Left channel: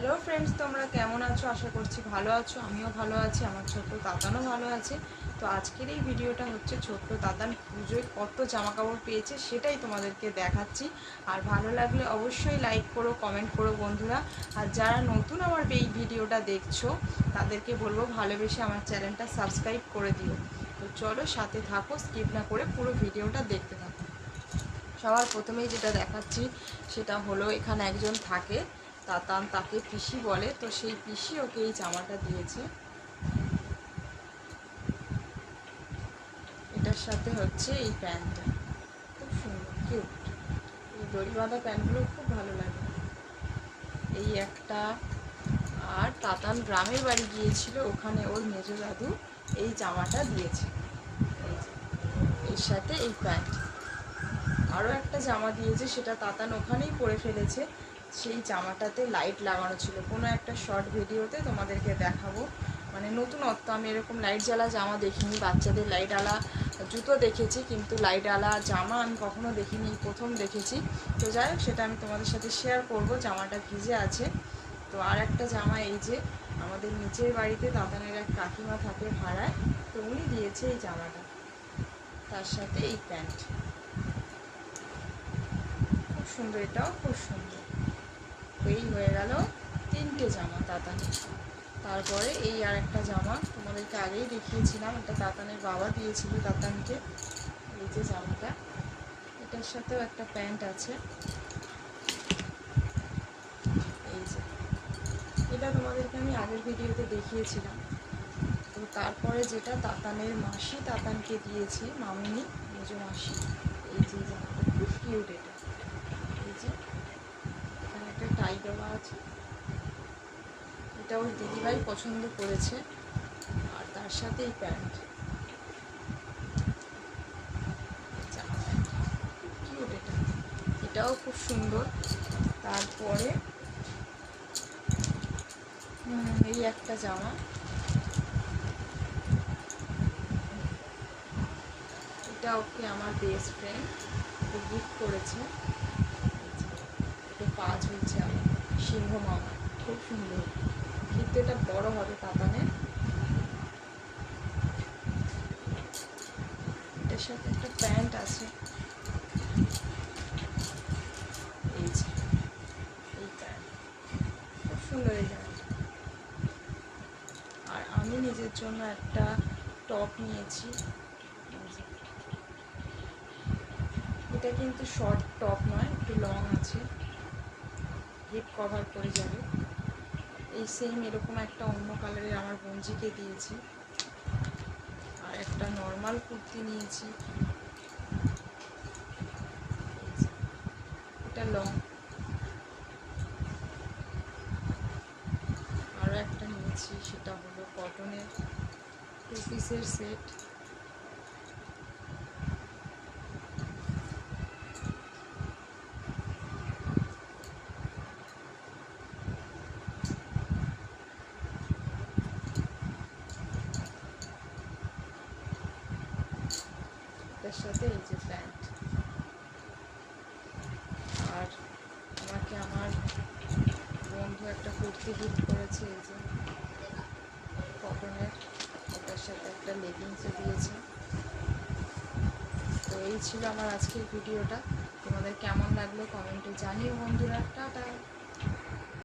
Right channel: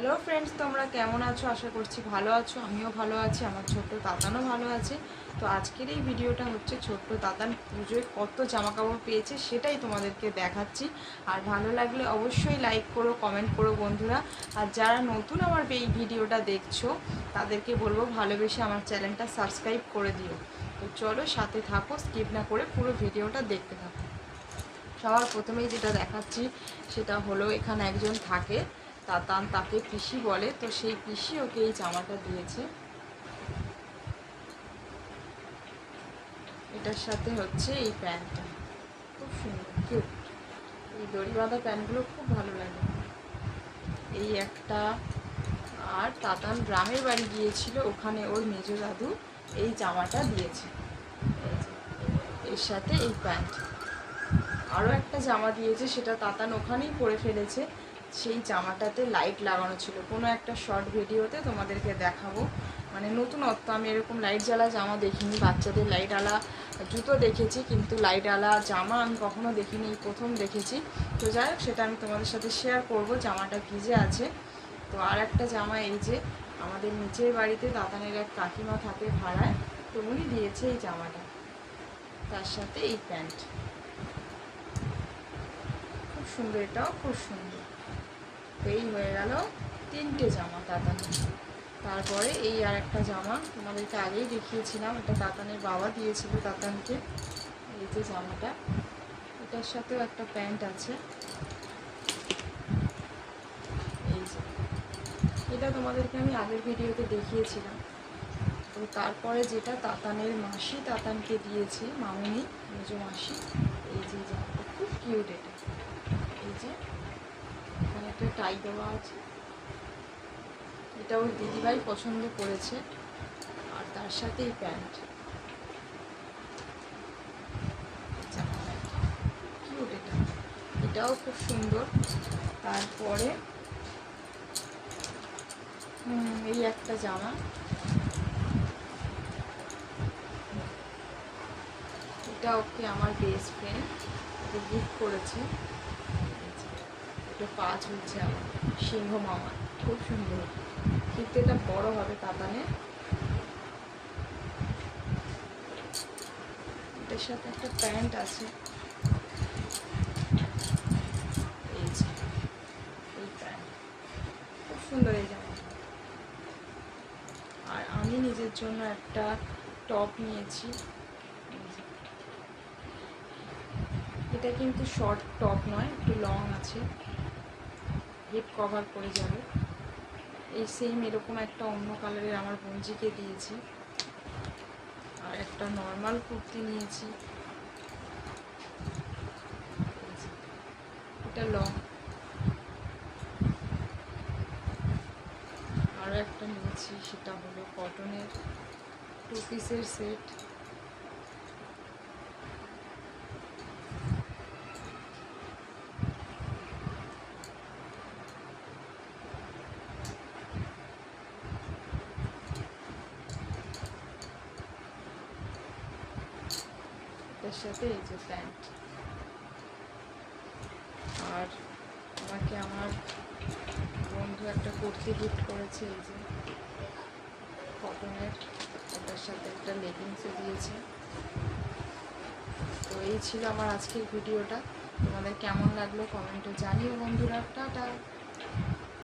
Hello friends, তোমরা কেমন আছো? আশা করছি ভালো আছো। আমিও ভালো আছি, আমার ছোট্ট তাতানও ভালো আছে। তো আজকের এই ভিডিওটা হচ্ছে ছোট্ট তাতান পুজোয় কত জামা কাপড় পেয়েছে সেটাই তোমাদেরকে দেখাচ্ছি। আর ভালো লাগলে অবশ্যই লাইক করো, কমেন্ট করো বন্ধুরা। আর যারা নতুন আমার এই ভিডিওটা দেখছো তাদেরকে বলবো ভালোবেসে আমার চ্যানেলটা সাবস্ক্রাইব করে দিও। তো চলো সাথে থাকো, স্কিপ না করে পুরো ভিডিওটা দেখতে থাকো। সবার প্রথমেই যেটা দেখাচ্ছি সেটা হলো, এখানে একজন থাকে তাতান, তাকে পিসি বলে। তো সেই পিসি ওকে এই জামাটা দিয়েছে। এটার সাথে হচ্ছে এই প্যান্টটা, খুব সুন্দর কিউট। এই দড়ি বাঁধা প্যান্টগুলো খুব ভালো লাগে। এই একটা। আর তাতান গ্রামের বাড়ি গিয়েছিল, ওখানে ওর মেজো দাদু এই জামাটা দিয়েছে। এই যে, এর সাথে এই প্যান্ট। আরও একটা জামা দিয়েছে, সেটা তাতান ওখানেই পরে ফেলেছে। সেই জামাটাতে লাইট লাগানো ছিল। কোনো একটা শর্ট ভিডিওতে তোমাদেরকে দেখাবো, মানে নতুনত্ব। আমি এরকম লাইট জ্বালা জামা দেখিনি। বাচ্চাদের লাইট আলা জুতো দেখেছি, কিন্তু লাইট আলা জামা আমি কখনো দেখিনি, প্রথম দেখেছি। তো যাই হোক, সেটা আমি তোমাদের সাথে শেয়ার করব। জামাটা ভিজে আছে। তো আর একটা জামা, এই যে আমাদের নিচের বাড়িতে তাতানের এক কাকিমা থাকে ভাড়ায়, তো উনি দিয়েছে এই জামাটা, তার সাথে এই প্যান্ট। খুব সুন্দর, এটাও খুব সুন্দর। তো এই হয়ে গেল তিনটে জামা তাতানের। তারপরে এই আর একটা জামা তোমাদেরকে আগেই দেখিয়েছিলাম, এটা তাতানের বাবা দিয়েছিল তাতানকে। এই যে জামাটা, এটার সাথেও একটা প্যান্ট আছে। এই যে, এটা তোমাদেরকে আমি আগের ভিডিওতে দেখিয়েছিলাম। তো তারপরে যেটা তাতানের মাসি তাতানকে দিয়েছে, মামুনি, মেজো মাসি। এই যে জামাটা খুব কিউট এটা। এই যে এখানে একটা টাই দেওয়া আছে, এটা ওর দিদিভাই পছন্দ করেছে। আর তার সাথে এই প্যান্ট, জামা প্যান্ট কিউট এটা, এটাও খুব সুন্দর। তারপরে এই একটা জামা, এটা ওকে আমার বেস্ট ফ্রেন্ড ওকে গিফট করেছে। এটা পা ঝুলছে আমার সিংহ মামা, খুব সুন্দর। কিন্তু এটা বড় হবে তাতানের। এটার সাথে একটা প্যান্ট আছে। এই যে এই প্যান্ট, খুব সুন্দর এই জামাটা। আর আমি নিজের জন্য একটা টপ নিয়েছি। এটা কিন্তু শর্ট টপ নয়, একটু লং আছে, হিপ কভার করে যাবে। এই সেম এরকম একটা অন্য কালারের আমার বঞ্জিকে দিয়েছি। আর একটা নর্মাল কুর্তি নিয়েছি, এটা লং। আরও একটা নিয়েছি, সেটা হলো কটনের 2 পিসের সেট। এটার সাথে এই যে প্যান্ট। আর আমাকে আমার বন্ধু একটা কুর্তি গিফট করেছে, এই যে কটনের, ওটার সাথে একটা লেগিংসও দিয়েছে। তো এই ছিল আমার আজকের ভিডিওটা। তোমাদের কেমন লাগলো কমেন্টে জানিও বন্ধুরা। টাটা।